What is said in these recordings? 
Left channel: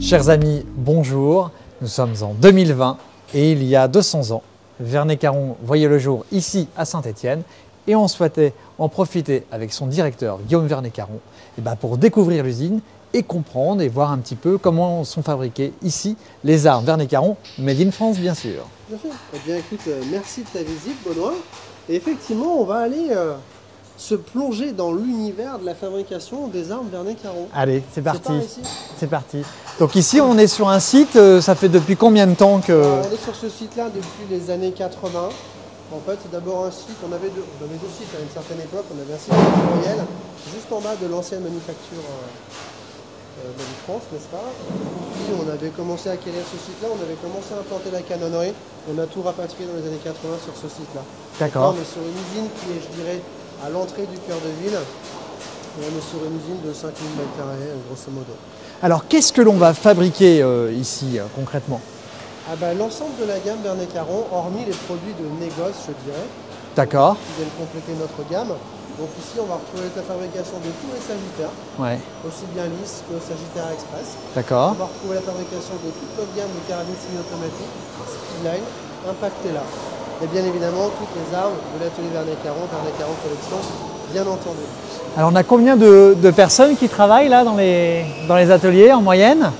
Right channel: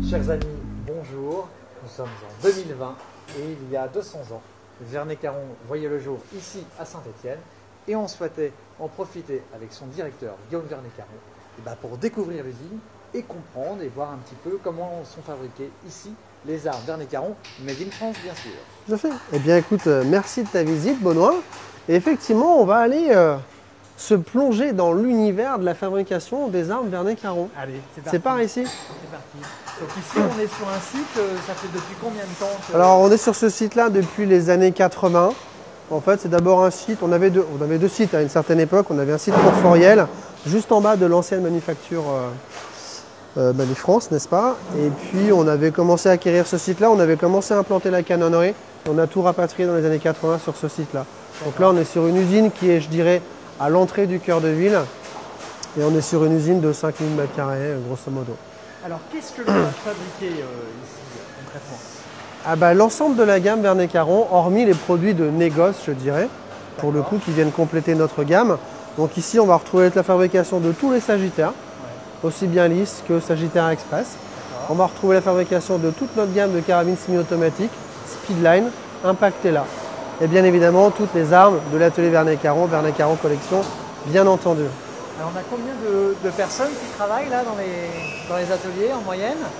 Chers amis, bonjour. Nous sommes en 2020 et il y a 200 ans, Verney-Caron voyait le jour ici à Saint-Étienne et on souhaitait en profiter avec son directeur Guillaume Verney-Caron pour découvrir l'usine et comprendre et voir un petit peu comment sont fabriquées ici les armes Verney-Caron, made in France bien sûr. Tout à fait. Eh bien écoute, merci de ta visite Benoît. Et effectivement, on va aller se plonger dans l'univers de la fabrication des armes Verney-Caron. Allez, c'est parti. C'est par ici. C'est parti. Donc ici, on est sur un site, ça fait depuis combien de temps que… Alors on est sur ce site-là depuis les années 80. En fait, c'est d'abord un site, on avait deux sites à une certaine époque. On avait un site Fort-Foriel, juste en bas de l'ancienne manufacture Manuf France, n'est-ce pas? Et puis on avait commencé à acquérir ce site-là, on avait commencé à implanter la canonnerie. On a tout rapatrié dans les années 80 sur ce site-là. Donc là, on est sur une usine qui est, je dirais, à l'entrée du cœur de ville. Et on est sur une usine de 5000 m², grosso modo. Alors, qu'est-ce que l'on va fabriquer ici, concrètement? L'ensemble de la gamme Verney-Caron, hormis les produits de négoce, je dirais. D'accord. Qui viennent compléter notre gamme. Donc ici, on va retrouver la fabrication de tous les sagittaires, aussi bien lisses que sagittaires express. D'accord. On va retrouver la fabrication de toute notre gamme de carabines semi-automatiques, Speedline, Impactella. Et bien évidemment, toutes les armes de l'atelier Verney-Caron, Verney-Caron Collection, bien entendu. Alors, on a combien de personnes qui travaillent là dans les ateliers en moyenne?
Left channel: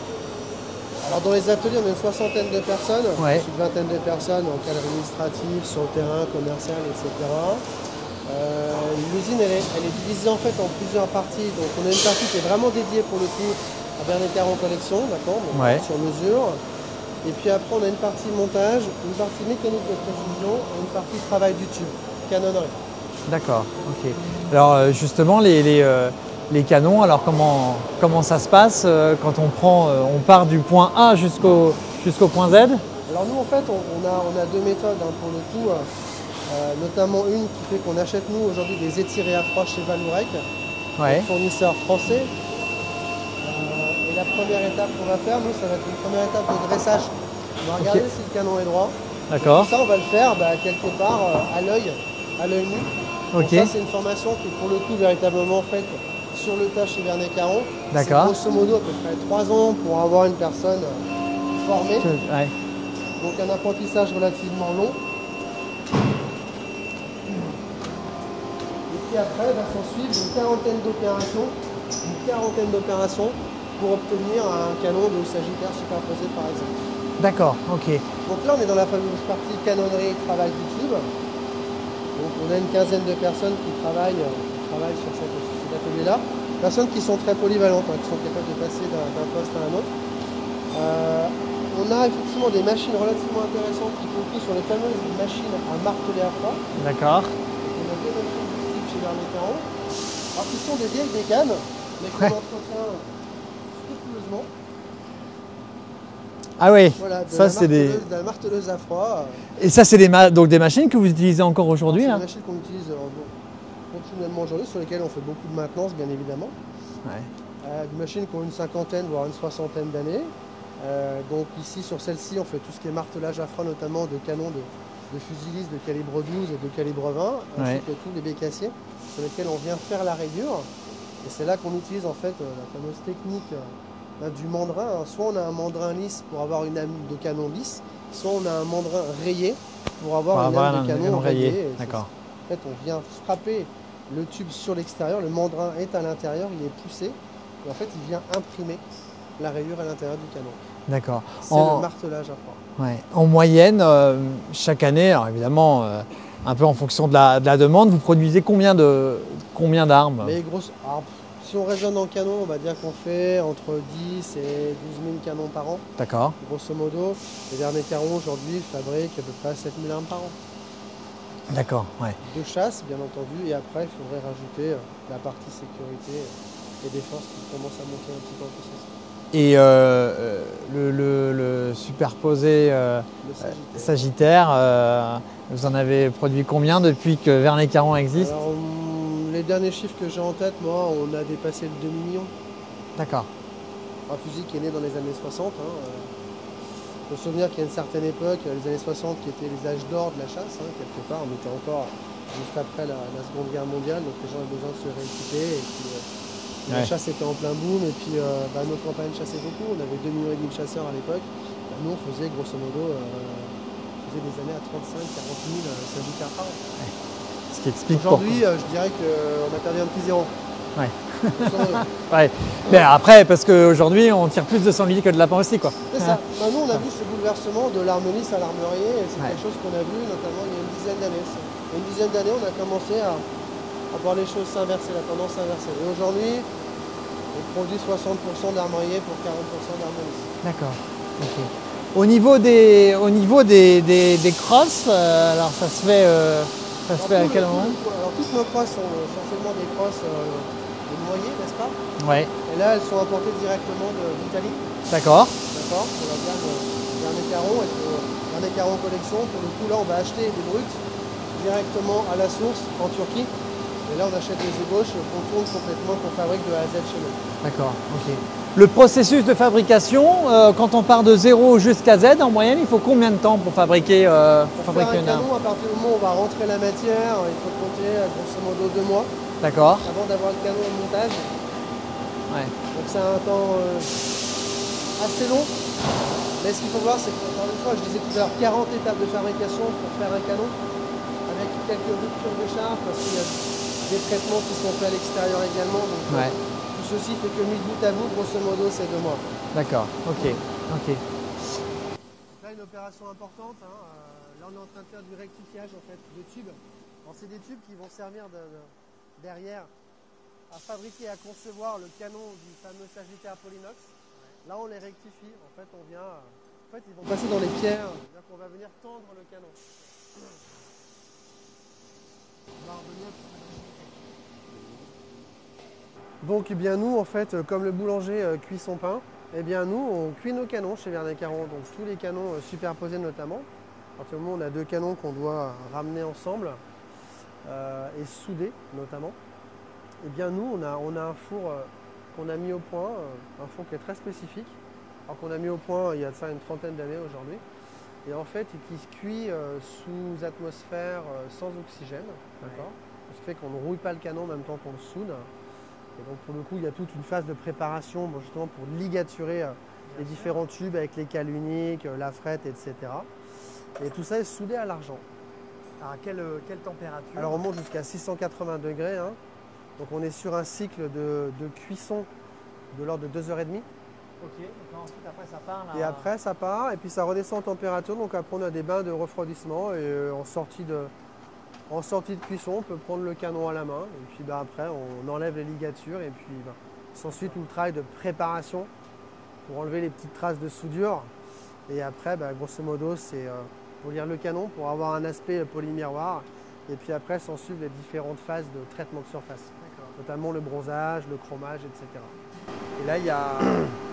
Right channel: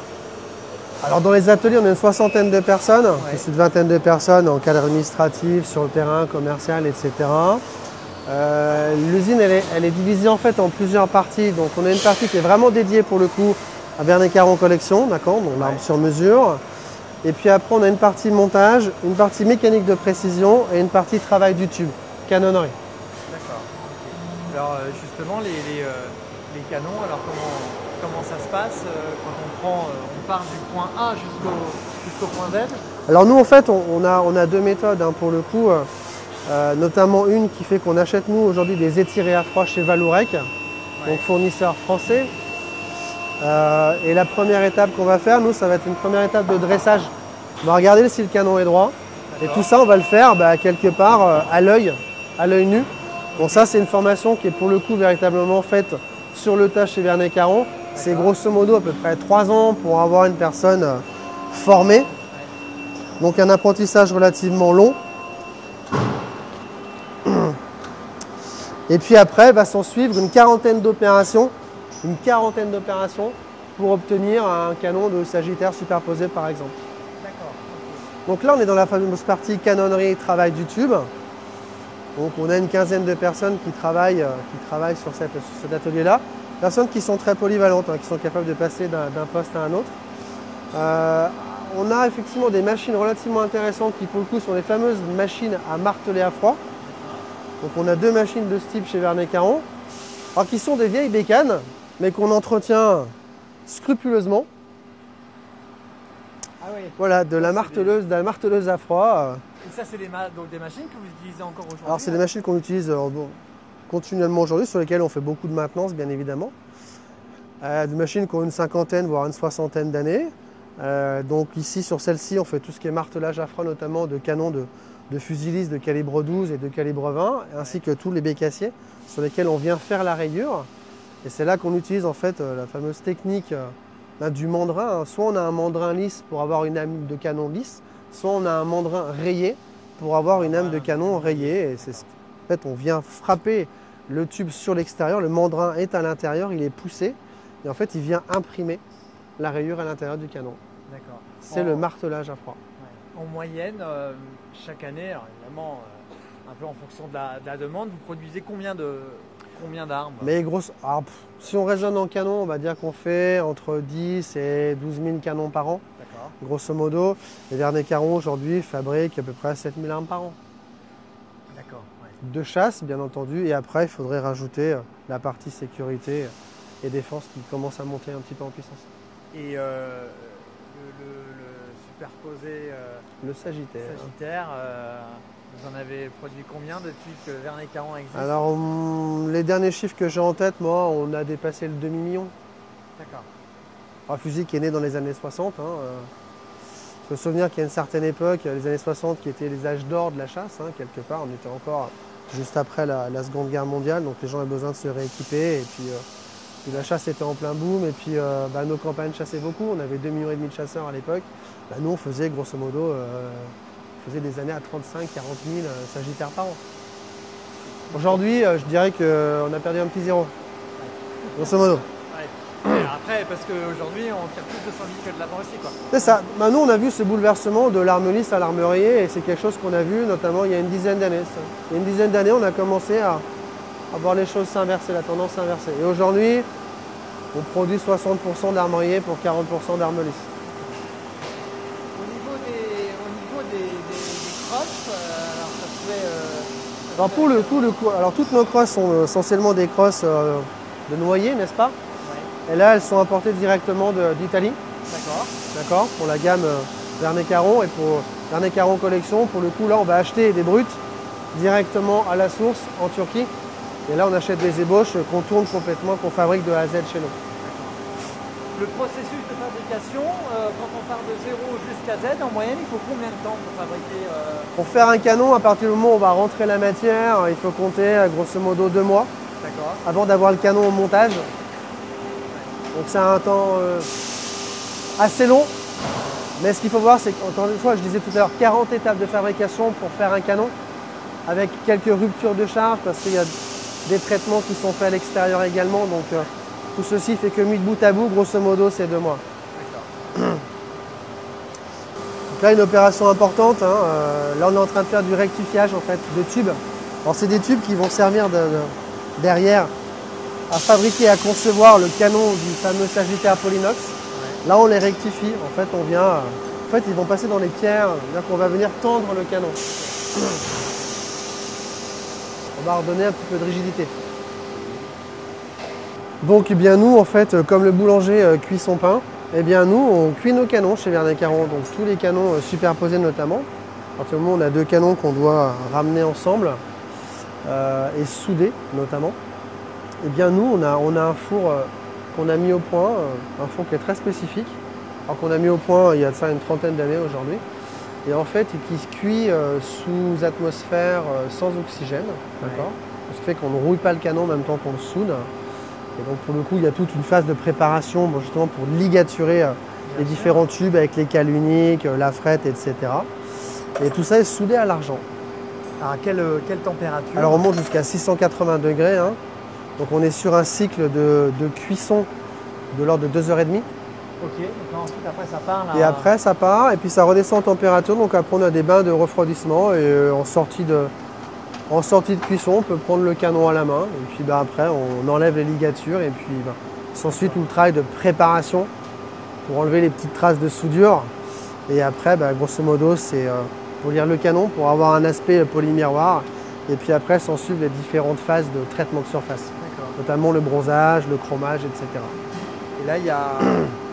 Alors dans les ateliers, on a une soixantaine de personnes, une vingtaine de personnes en cadre administratif, sur le terrain, commercial, etc. L'usine, elle est divisée en fait en plusieurs parties. Donc on a une partie qui est vraiment dédiée pour le coup à Verney-Caron Collection, d'accord, sur mesure. Et puis après, on a une partie montage, une partie mécanique de précision et une partie travail du tube, canonnerie. D'accord, ok. Alors justement, les canons, alors comment ça se passe quand on part du point A jusqu'au point Z? Alors nous, en fait, on a deux méthodes pour le coup. Notamment une qui fait qu'on achète nous aujourd'hui des étirés à froid chez Vallourec, fournisseur français. Et la première étape qu'on va faire, nous, ça va être une première étape de dressage. On va regarder si le canon est droit. Et tout ça, on va le faire quelque part à l'œil nu. Bon, ça, c'est une formation qui est pour le coup véritablement faite sur le tas chez Verney-Caron. C'est grosso modo à peu près 3 ans pour avoir une personne formée. Donc un apprentissage relativement long. Et puis après, va s'en suivre une quarantaine d'opérations pour obtenir un canon de Sagittaire superposé par exemple. D'accord, ok. Donc là, on est dans la fameuse partie canonnerie, travail du tube. Donc on a une quinzaine de personnes qui travaillent sur cet atelier-là. Personnes qui sont très polyvalentes, qui sont capables de passer d'un poste à un autre. On a effectivement des machines relativement intéressantes qui pour le coup sont les fameuses machines à marteler à froid. D'accord. Donc on a deux machines de ce type chez Verney-Caron, alors qui sont des vieilles bécanes, mais qu'on entretient scrupuleusement. Ah oui. Voilà, de la marteleuse à froid. Et ça, c'est donc des machines que vous utilisez encore aujourd'hui? C'est des machines qu'on utilise continuellement aujourd'hui, sur lesquelles on fait beaucoup de maintenance, bien évidemment. Des machines qui ont une cinquantaine, voire une soixantaine d'années. Donc ici, sur celle-ci, on fait tout ce qui est martelage à froid, notamment de canons de fusilistes de calibre 12 et de calibre 20, ainsi que tous les bécassiers sur lesquels on vient faire la rayure. Et c'est là qu'on utilise en fait la fameuse technique du mandrin. Soit on a un mandrin lisse pour avoir une lame de canon lisse, soit on a un mandrin rayé pour avoir une lame de canon rayée. En fait, on vient frapper le tube sur l'extérieur, le mandrin est à l'intérieur, il est poussé, et en fait, il vient imprimer la rayure à l'intérieur du canon. D'accord. C'est le martelage à froid. En moyenne, chaque année, alors évidemment, un peu en fonction de la demande, vous produisez combien d'armes? Mais si on raisonne en canon, on va dire qu'on fait entre 10 et 12 000 canons par an. D'accord. Grosso modo, les Verney-Caron aujourd'hui fabriquent à peu près 7 000 armes par an. D'accord, De chasse, bien entendu, et après, il faudrait rajouter la partie sécurité et défense qui commence à monter un petit peu en puissance. Et le superposé le Sagittaire, vous en avez produit combien depuis que Verney-Caron existe? Alors, les derniers chiffres que j'ai en tête, moi, on a dépassé le demi-million. D'accord. Un fusil qui est né dans les années 60. Il faut se souvenir qu'il y a une certaine époque, les années 60, qui étaient les âges d'or de la chasse. Quelque part, on était encore juste après la Seconde Guerre mondiale, donc les gens avaient besoin de se rééquiper. Et puis la chasse était en plein boom, et puis nos campagnes chassaient beaucoup. On avait 2 millions et demi de chasseurs à l'époque. Nous, on faisait grosso modo des années à 35, 40 000 sagittaires par an. Ce qui explique aujourd'hui, je dirais qu'on a perdu un petit zéro. Ouais. Grosso modo. Ouais. Mais après, parce qu'aujourd'hui, on tire plus de sangliers que de lapins aussi, quoi. C'est ça. Bah, nous, on a vu ce bouleversement de l'arme lisse à l'armurier, et c'est quelque chose qu'on a vu notamment il y a une dizaine d'années. Il y a une dizaine d'années, on a commencé à voir les choses s'inverser, la tendance s'inverser. Et aujourd'hui, on produit 60% d'armurier pour 40% d'arme lisse. D'accord. Okay. Au niveau des crosses, alors ça se fait. Alors, pour le coup, alors toutes nos crosses sont essentiellement des crosses de noyer, n'est-ce pas? Ouais. Et là, elles sont importées directement d'Italie. D'accord. D'accord. Pour la gamme Verney Caron et pour Verney Caron Collection, pour le coup, là, on va acheter des brutes directement à la source en Turquie. Et là, on achète des ébauches qu'on tourne complètement, qu'on fabrique de A à Z chez nous. D'accord. Okay. Le processus de fabrication, quand on part de 0 jusqu'à Z, en moyenne, il faut combien de temps pour fabriquer Pour faire un canon, à partir du moment où on va rentrer la matière, il faut compter grosso modo 2 mois. D'accord. Avant d'avoir le canon au montage. Ouais. Donc ça a un temps assez long. Mais ce qu'il faut voir, c'est qu'encore une fois, je disais tout à l'heure, 40 étapes de fabrication pour faire un canon, avec quelques ruptures de charge, parce qu'il y a des traitements qui sont faits à l'extérieur également. Donc tout ceci fait que mis de bout à bout, grosso modo, c'est 2 mois. D'accord. Ok. Okay. Donc là, une opération importante. Hein. Là, on est en train de faire du rectifiage en fait, de tubes. Alors, c'est des tubes qui vont servir derrière à fabriquer, à concevoir le canon du fameux Sagittaire Polynox. Ouais. Là, on les rectifie. En fait, on vient. En fait, ils vont passer dans les pierres. C'est-à-dire qu'on va venir tendre le canon. On va redonner un petit peu de rigidité. Donc, eh bien, nous, en fait, comme le boulanger cuit son pain, eh bien, nous, on cuit nos canons chez Verney Caron. Donc, tous les canons superposés notamment. À partir du moment où on a 2 canons qu'on doit ramener ensemble et souder notamment, eh bien, nous, on a un four qu'on a mis au point, un four qui est très spécifique, alors qu'on a mis au point il y a de ça une trentaine d'années aujourd'hui. Et en fait, qui se cuit sous atmosphère sans oxygène, d'accord. Ce qui fait qu'on ne rouille pas le canon en même temps qu'on le soude. Et donc pour le coup, il y a toute une phase de préparation justement pour ligaturer les différents tubes avec les cales uniques, la frette, etc. Et tout ça est soudé à l'argent. Alors à quelle température? Alors on monte jusqu'à 680 degrés. Hein. Donc on est sur un cycle de cuisson de l'ordre de 2h30. Ok, donc ensuite après ça part là. Et après ça part et puis ça redescend en température. Donc après on a des bains de refroidissement et en sortie de cuisson, on peut prendre le canon à la main et puis après on enlève les ligatures et puis s'ensuit tout le travail de préparation pour enlever les petites traces de soudure. Et après, grosso modo, c'est polir le canon pour avoir un aspect polymiroir. Et puis après, s'en suivent les différentes phases de traitement de surface, notamment le bronzage, le chromage, etc. Et là, il y a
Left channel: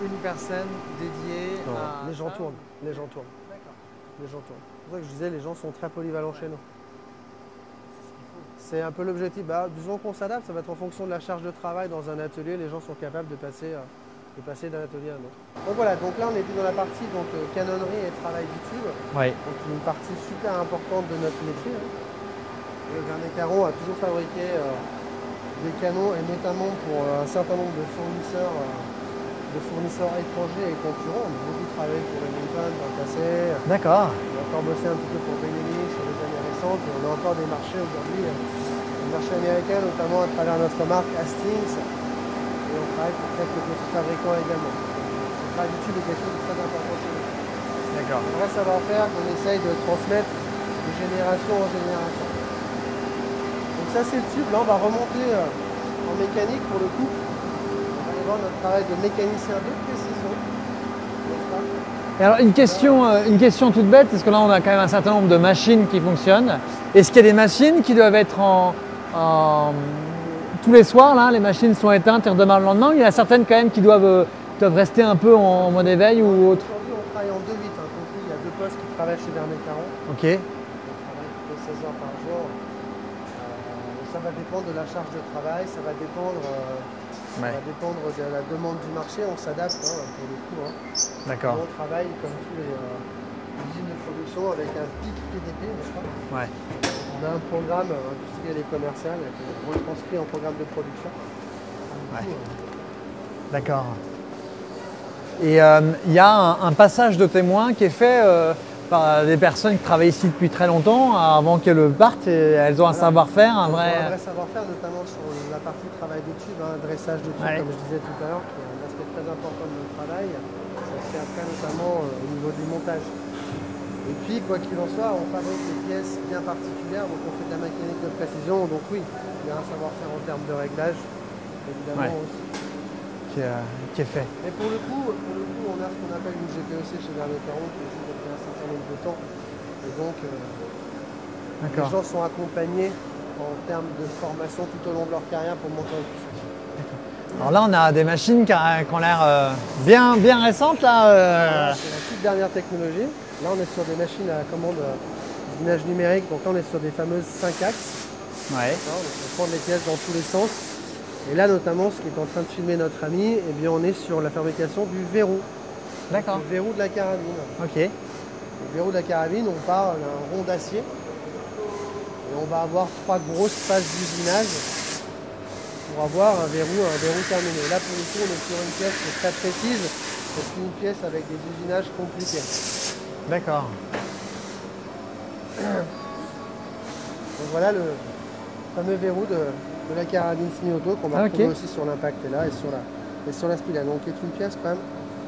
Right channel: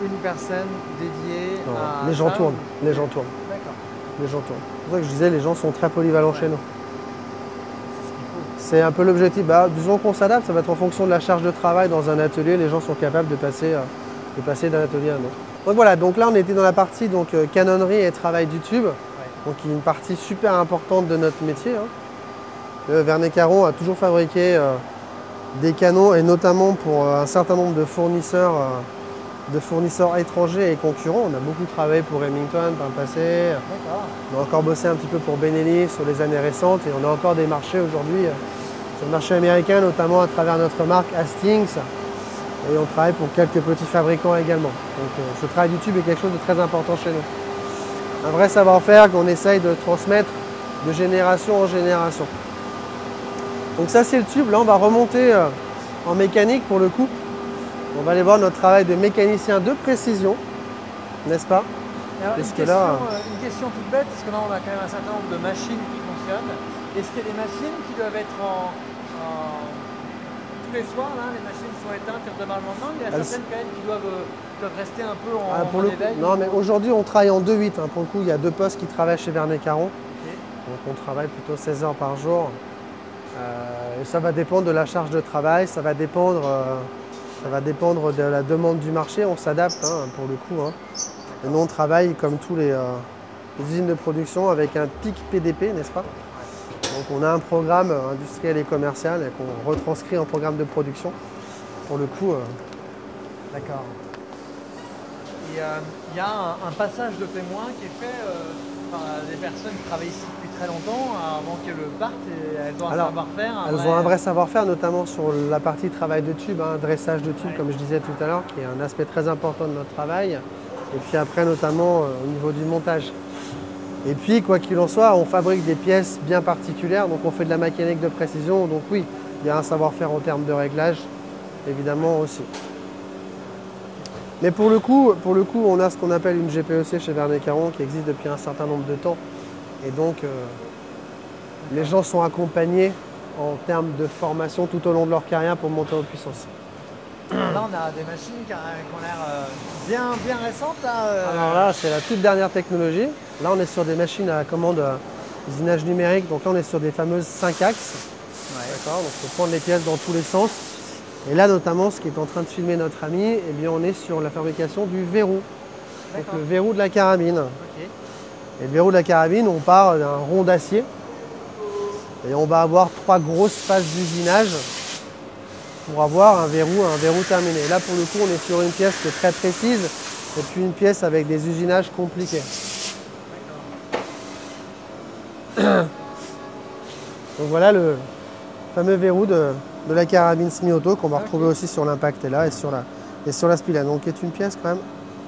une personne dédiée à les gens ça, tournent, les gens tournent. D'accord. Les gens tournent. C'est pour ça que je disais, les gens sont très polyvalents chez nous. C'est un peu l'objectif. Disons qu'on s'adapte, ça va être en fonction de la charge de travail dans un atelier. Les gens sont capables de passer d'un atelier à un autre. Donc voilà, donc là on était dans la partie canonnerie et travail du tube, donc qui est une partie super importante de notre métier. Hein. Verney Caron a toujours fabriqué des canons et notamment pour un certain nombre de fournisseurs étrangers et concurrents. On a beaucoup travaillé pour Remington par le passé. D'accord. On a encore bossé un petit peu pour Benelli sur les années récentes et on a encore des marchés aujourd'hui sur le marché américain, notamment à travers notre marque Hastings. Et on travaille pour quelques petits fabricants également. Donc ce travail du tube est quelque chose de très important chez nous. Un vrai savoir-faire qu'on essaye de transmettre de génération en génération. Donc ça c'est le tube, là on va remonter en mécanique pour le coup. On va aller voir notre travail de mécanicien de précision, n'est-ce pas? Alors une question toute bête, parce que là on a quand même un certain nombre de machines qui fonctionnent. Est-ce qu'il y a des machines qui doivent être tous les soirs, là, les machines sont éteintes et redémarrent le lendemain? Il y en a certaines quand même qui doivent rester un peu en bon éveil? Aujourd'hui on travaille en 2-8. Hein. Pour le coup, il y a 2 postes qui travaillent chez Verney Caron. Ok. Donc on travaille plutôt 16 heures par jour. Ça va dépendre de la charge de travail, ça va dépendre de la demande du marché. On s'adapte pour le coup. Hein. D'accord. On travaille comme tous les usines de production avec un pic PDP, n'est-ce pas? Ouais. Donc On a un programme industriel et commercial et qu'on retranscrit en programme de production. Pour le coup. D'accord. Et il y a un passage de témoin qui est fait par des personnes qui travaillent ici depuis très longtemps, avant qu'elles partent. Et elles ont un savoir-faire. Elles ont un vrai savoir-faire, notamment sur la partie travail de tube, dressage de tube, comme je disais tout à l'heure, qui est un aspect très important de notre travail. Et puis après, notamment au niveau du montage. Et puis, quoi qu'il en soit, on fabrique des pièces bien particulières, donc on fait de la mécanique de précision. Donc oui, il y a un savoir-faire en termes de réglage, évidemment aussi, qui est fait. Mais pour le coup, on a ce qu'on appelle une GPEC chez Vernet Caron, qui existe depuis un certain nombre de temps. Et donc, les gens sont accompagnés en termes de formation tout au long de leur carrière pour monter en puissance. Alors là, on a des machines qui ont l'air bien récentes. Là, c'est la toute dernière technologie. Là, on est sur des machines à commande usinage numérique. Donc là, on est sur des fameuses 5 axes. Ouais. Donc, on peut prendre les pièces dans tous les sens. Et là, notamment, ce qui est en train de filmer notre ami, eh bien, on est sur la fabrication du verrou. D'accord. Le verrou de la carabine. Ok. Et le verrou de la carabine, on part d'un rond d'acier. Et on va avoir 3 grosses phases d'usinage pour avoir un verrou terminé. Là, pour le coup, on est sur une pièce qui est très précise et puis une pièce avec des usinages compliqués. D'accord. Donc voilà le fameux verrou de la carabine semi-auto qu'on va retrouver aussi sur l'impact là et sur la spilène. Donc qui est une pièce quand même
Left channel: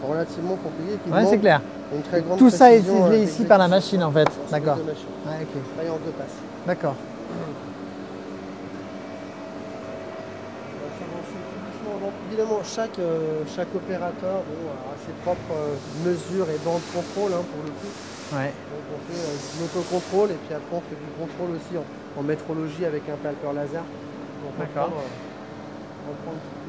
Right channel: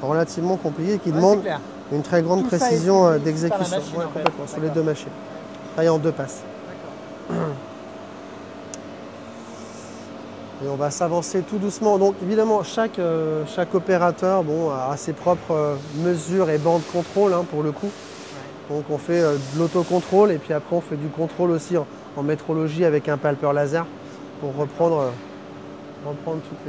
relativement compliquée qui demande une très grande précision d'exécution. Tout ça est par la machine en fait. D'accord. Deux machines. Travaillent en 2 passes. D'accord. Et on va s'avancer tout doucement. Donc évidemment, chaque opérateur a ses propres mesures et bancs de contrôle pour le coup. Ouais. Donc on fait de l'autocontrôle et puis après on fait du contrôle aussi en métrologie avec un palpeur laser pour reprendre toutes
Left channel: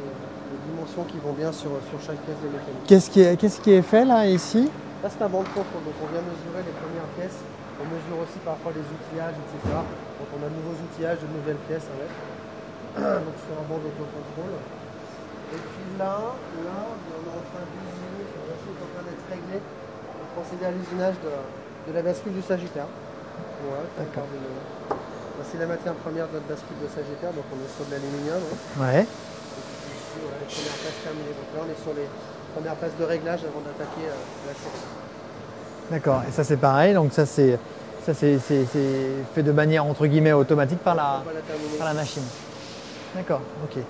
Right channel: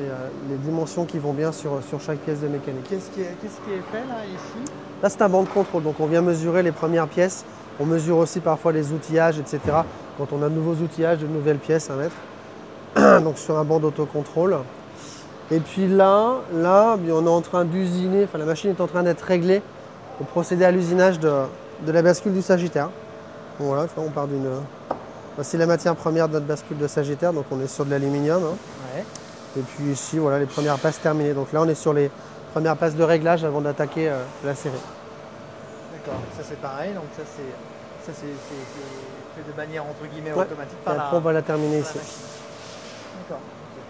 les dimensions qui vont bien sur chaque pièce de mécanique. Qu'est-ce qui est fait là, ici? Là c'est un banc de contrôle, donc on vient mesurer les premières pièces. On mesure aussi parfois les outillages, etc. Quand on a de nouveaux outillages, de nouvelles pièces à mettre. Donc sur un banc d'autocontrôle. Et puis là, on est en train d'usiner, la machine est en train d'être réglée pour procéder à l'usinage de la bascule du Sagittaire. Donc voilà, on part d'une... Voici la matière première de notre bascule de Sagittaire, donc on est sur de l'aluminium. Ouais. Et puis ici, voilà les premières passes terminées. Donc là, on est sur les premières passes de réglage avant d'attaquer la série. D'accord, et ça c'est pareil, donc ça c'est fait de manière entre guillemets automatique par on va la terminer par la machine. D'accord, ok.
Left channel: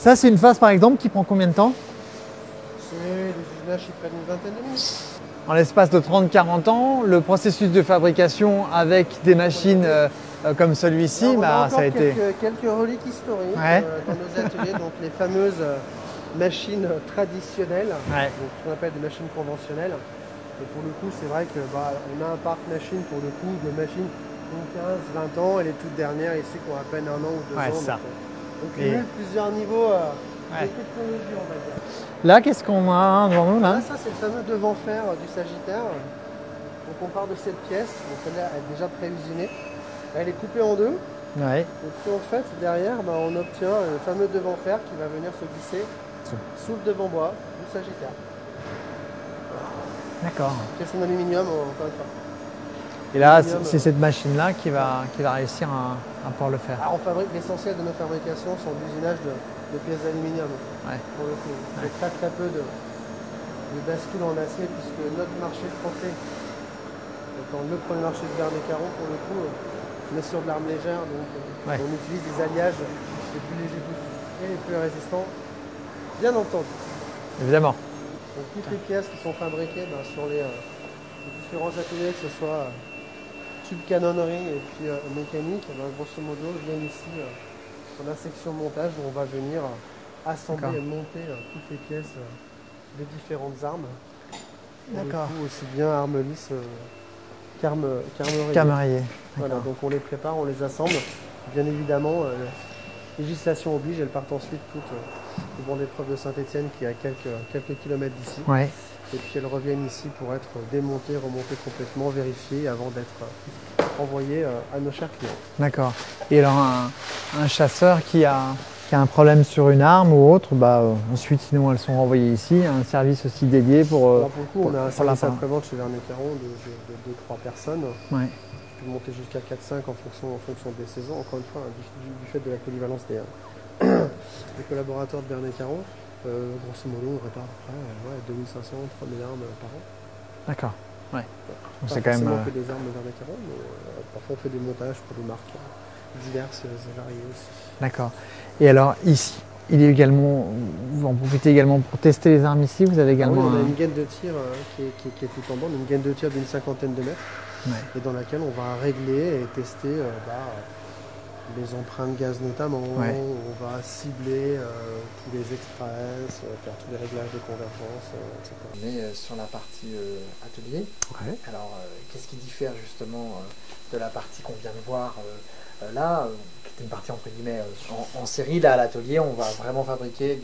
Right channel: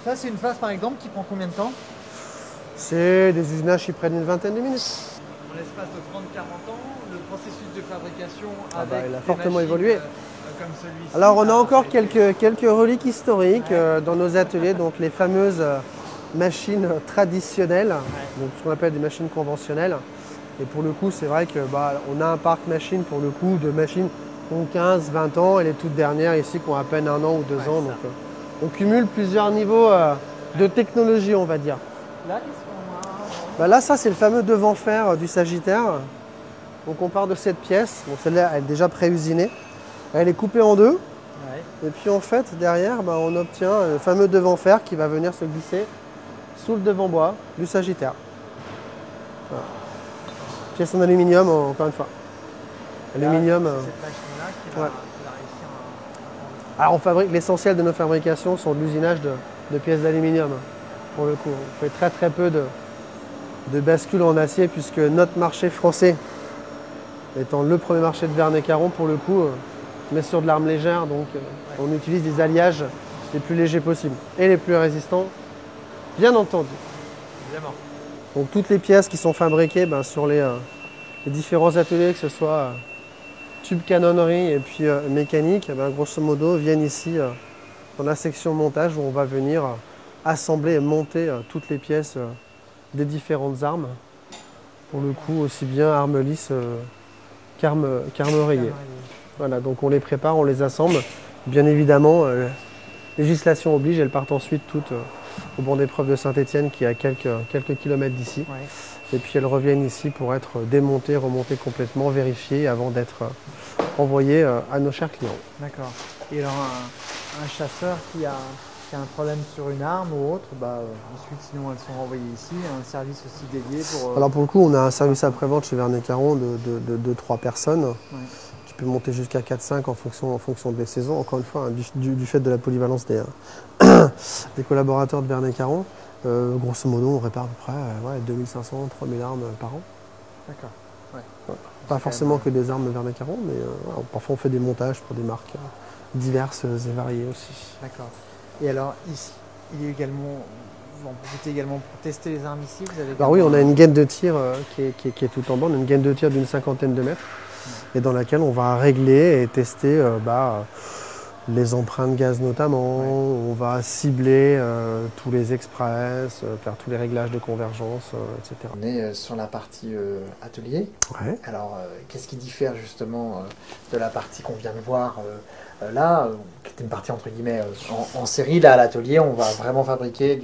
Ça c'est une phase par exemple qui prend combien de temps? C'est des usinages qui prennent une vingtaine de minutes. En l'espace de 30-40 ans, le processus de fabrication avec des machines comme celui-ci. Alors on a encore quelques reliques historiques dans nos ateliers, donc les fameuses machines traditionnelles, ce qu'on appelle des machines conventionnelles. Et pour le coup, c'est vrai que on a un parc machine pour le coup de machines qui ont 15, 20 ans et les toutes dernières ici qui ont à peine 1 an ou 2 ans. Donc, on cumule plusieurs niveaux de technologie, on va dire. Là, qu'est-ce qu'on a devant nous là, ça, c'est le fameux devant-fer du Sagittaire. Donc, on part de cette pièce. Bon, celle-là, elle est déjà pré-usinée. Elle est coupée en 2. Ouais. Et puis, en fait, derrière, on obtient le fameux devant-fer qui va venir se glisser sous le devant-bois du Sagittaire. D'accord. Pièce en aluminium, encore une fois. Et là, c'est cette machine-là qui va réussir à pouvoir le faire. Alors, on fabrique l'essentiel de nos fabrications sur l'usinage de pièces d'aluminium. Pour le coup, on fait très très peu de bascules en acier puisque notre marché français, étant le premier marché de Vernet Caron, pour le coup, on est sur de l'arme légère, donc on utilise des alliages les plus légers possibles et les plus résistants, bien entendu. Évidemment. Donc toutes les pièces qui sont fabriquées sur les différents ateliers, que ce soit tube canonnerie et puis mécanique, grosso modo viennent ici dans la section montage où on va venir assembler et monter toutes les pièces des différentes armes. Pour le coup, aussi bien armes lisses qu'armes-rayées. Voilà, donc on les prépare, on les assemble. Bien évidemment, législation oblige, elles partent ensuite toutes au banc d'épreuve de Saint-Étienne qui est à quelques kilomètres d'ici. Ouais. Et puis elles reviennent ici pour être démontées, remontées complètement, vérifiées avant d'être envoyées à nos chers clients. D'accord. Et alors un chasseur qui a un problème sur une arme ou autre, ensuite sinon elles sont renvoyées ici, un service aussi dédié pour... Alors pour le coup, on a un service après-vente chez Vernet Caron de 3 personnes qui peut monter jusqu'à 4-5 en fonction des saisons, encore une fois, hein, du fait de la polyvalence des, des collaborateurs de Verney-Caron. Grosso modo, on répare à peu près 2500-3000 armes par an. D'accord. Ouais. Pas forcément que des armes Verney-Caron, mais parfois on fait des montages pour des marques diverses et variées aussi. D'accord. Et alors ici, il est également, vous en profitez également pour tester les armes ici, vous avez également... Oui, on a une gaine de tir qui est tout en bas, on a une gaine de tir d'une 50aine de mètres, et dans laquelle on va régler et tester les empreintes gaz notamment, on va cibler tous les express, faire tous les réglages de convergence, etc. On est sur la partie atelier. Ouais. Alors, qu'est-ce qui diffère justement de la partie qu'on vient de voir là, qui était une partie entre guillemets en série? Là, à l'atelier, on va vraiment fabriquer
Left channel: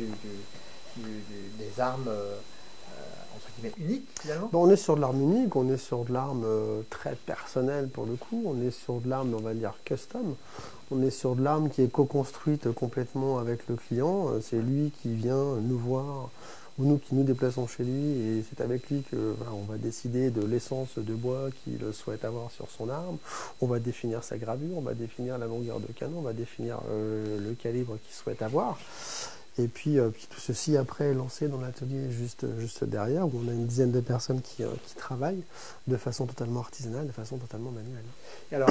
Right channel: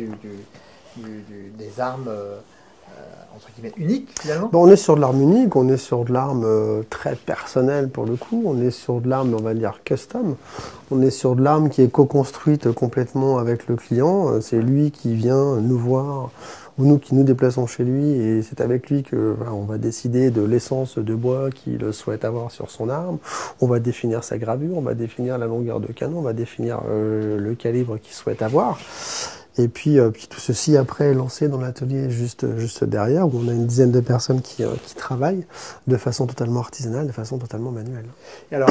des armes entre guillemets uniques finalement. Bon, on est sur de l'arme unique, on est sur de l'arme très personnelle pour le coup, on est sur de l'arme, on va dire, custom. On est sur de l'arme qui est co-construite complètement avec le client. C'est lui qui vient nous voir, ou nous qui nous déplaçons chez lui, et c'est avec lui que on va décider de l'essence de bois qu'il souhaite avoir sur son arme. On va définir sa gravure, on va définir la longueur de canon, on va définir le calibre qu'il souhaite avoir. Et puis tout ceci après est lancé dans l'atelier juste derrière, où on a une dizaine de personnes qui travaillent de façon totalement artisanale, de façon totalement manuelle. Et alors,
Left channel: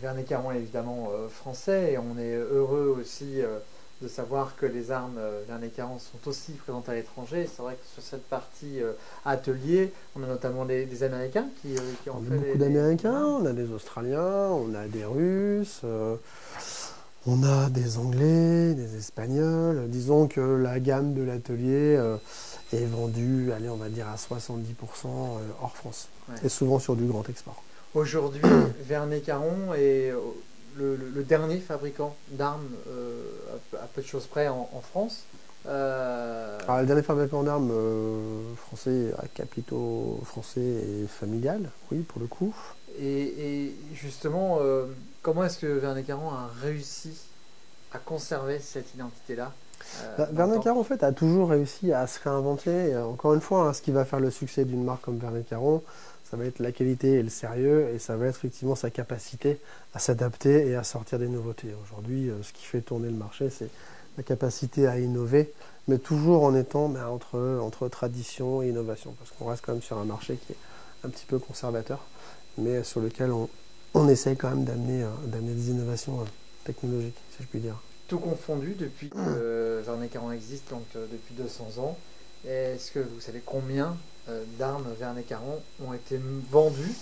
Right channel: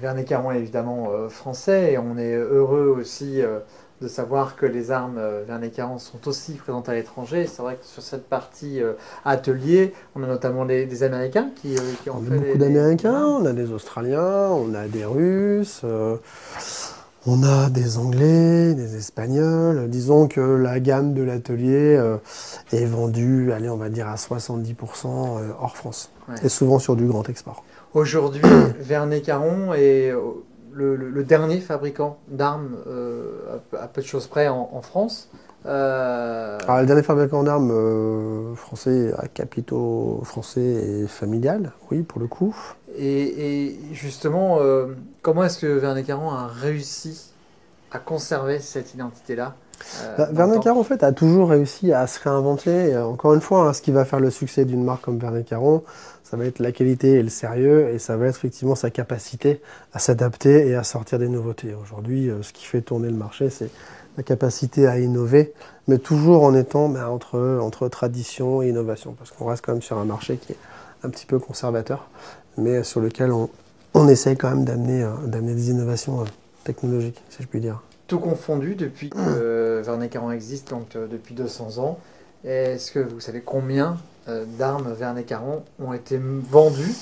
Verney-Caron est évidemment français, et on est heureux aussi de savoir que les armes Verney-Caron sont aussi présentes à l'étranger. C'est vrai que sur cette partie atelier, on a notamment des Américains qui ont fait beaucoup d'Américains, on a des Australiens, on a des Russes. On a des Anglais, des Espagnols. Disons que la gamme de l'atelier est vendue, allez, on va dire à 70% hors France. Ouais. Et souvent sur du grand export. Aujourd'hui, Verney-Caron est le dernier fabricant d'armes à peu de choses près en France. Alors, le dernier fabricant d'armes français à capitaux français et familial, oui, pour le coup. Et justement, comment est-ce que Verney-Caron a réussi à conserver cette identité-là Verney-Caron, en fait, a toujours réussi à se réinventer. Et encore une fois, hein, ce qui va faire le succès d'une marque comme Verney-Caron, ça va être la qualité et le sérieux, et ça va être effectivement sa capacité à s'adapter et à sortir des nouveautés. Aujourd'hui, ce qui fait tourner le marché, c'est la capacité à innover, mais toujours en étant entre tradition et innovation, parce qu'on reste quand même sur un marché qui est un petit peu conservateur, mais sur lequel on essaye quand même d'amener des innovations technologiques, si je puis dire. Tout confondu, depuis que Verney-Caron existe, donc depuis 200 ans, est-ce que vous savez combien d'armes Verney-Caron ont été vendues,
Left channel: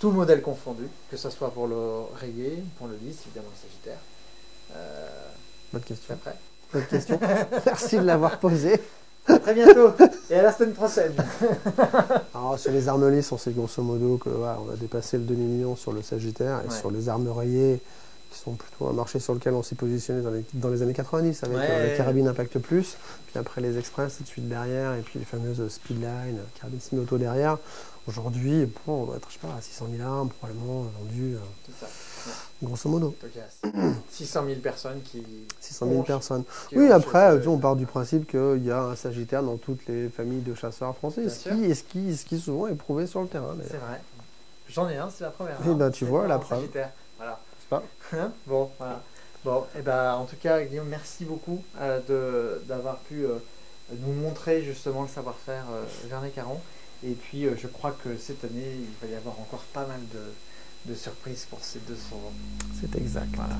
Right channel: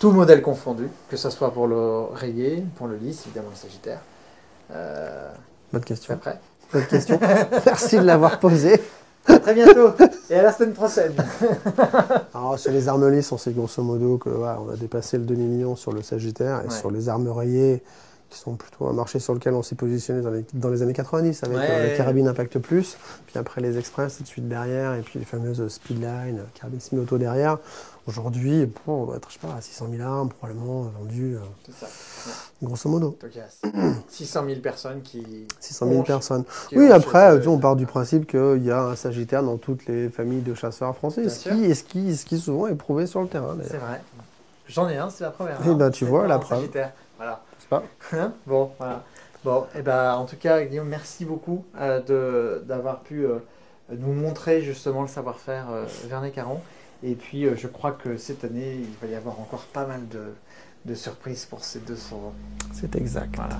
tout modèle confondu, que ce soit pour le rayé, pour le lisse, évidemment le sagittaire? Bonne question. Après. Bonne question. Merci de l'avoir posée. À très bientôt et à la semaine prochaine. Alors, sur les armes lisses, on sait grosso modo qu'on a dépassé le demi-million sur le Sagittaire, et sur les armes rayées, qui sont plutôt un marché sur lequel on s'est positionné dans les années 90 avec les carabines Impact Plus, puis après les Express tout de suite derrière, et puis les fameuses Speedline, carabines semi-auto derrière. Aujourd'hui, on doit être, je sais pas, à 600 000 armes probablement vendues, grosso modo. 600 000 personnes qui... 600 000 personnes. Oui, après, on part du principe qu'il y a un Sagittaire dans toutes les familles de chasseurs français, ce qui souvent est prouvé sur le terrain. C'est vrai. J'en ai un, c'est la première. Et ben, tu vois, la preuve. Voilà. C'est pas bon, voilà. Bon, et ben, en tout cas, Guillaume, merci beaucoup d'avoir pu nous montrer justement le savoir-faire Verney-Caron. Et puis, je crois que cette année, il va y avoir encore pas mal de surprises pour ces 200 ans. C'est exact. Voilà.